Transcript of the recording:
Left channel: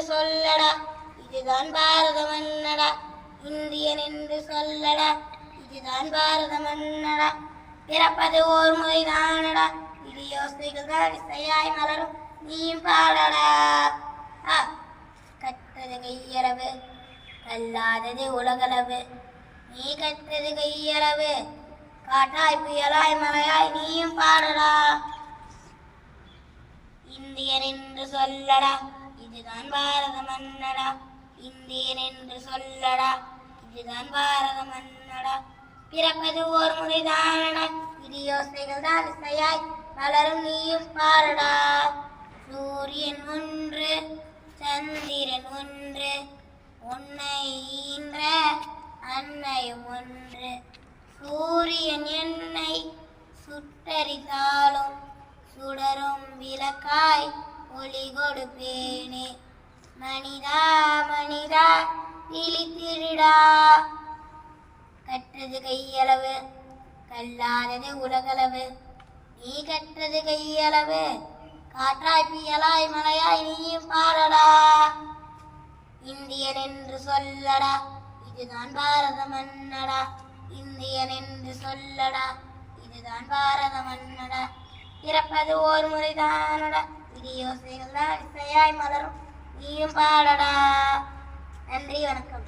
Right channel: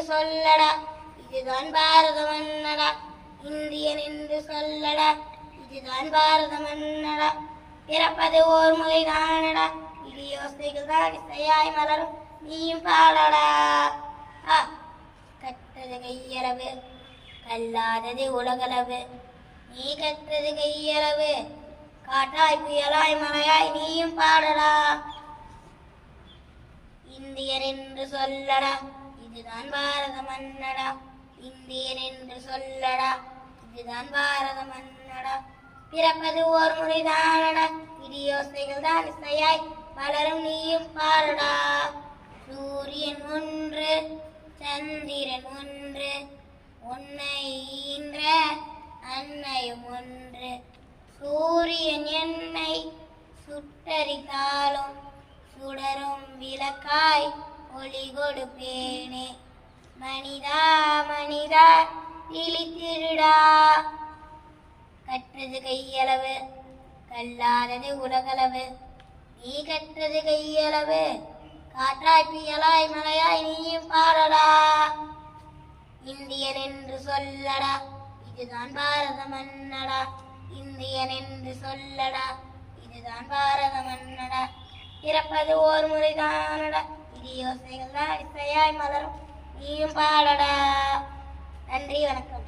என்று சொல்லடா, இதுதான் பாரதம் என்னடா. இந்தியன் என்று சொல்லடா, இதுதான் பாரதம் என்னடா. பிறப்பது ஓர் முறைதானடா, இது யோசனைகள் தான் இசையாய் மலரும் நீயும் பாடடா. கற்றது கையளவு கல்லாதது உலகளவு, நீ கற்றது கையளவு காற்றாய் புயலாய் மலையாய் நீயும் பாடடா. இந்தியன் என்று சொல்லடா, இதுதான் பாரதம் என்னடா. இந்தியன் என்று சொல்லடா, இதுதான் பாரதம் என்னடா. பிறப்பது ஓர் முறைதானடா, இது யோசனைகள் தான் இசையாய் மலரும் நீயும் பாடடா. சூரியன் ஒன்று சந்திரன் ஒன்று, உன்னை ஈன்ற அன்னையும் ஒன்று. சூரியன் என்னை சுட்டரித்தாலும் சுடரும் விளக்காய் ஒளி கொடுப்பேனே. மனிதா மனிதா விழித்திருடா, கற்றது கையளவு கல்லாதது உலகளவு, நீ கற்றது கையளவு காற்றாய் புயலாய் மலையாய் நீயும் பாடடா. இந்தியன் என்று சொல்லடா, இதுதான் பாரதம் என்னடா. இந்தியன் என்று சொல்லடா, இதுதான் பாரதம் என்னடா. பிறப்பது ஓர் முறைதானடா, இது யோசனைகள் தான் இசையாய் மலரும் நீயும் பாடடா. நன்றி, வணக்கம்.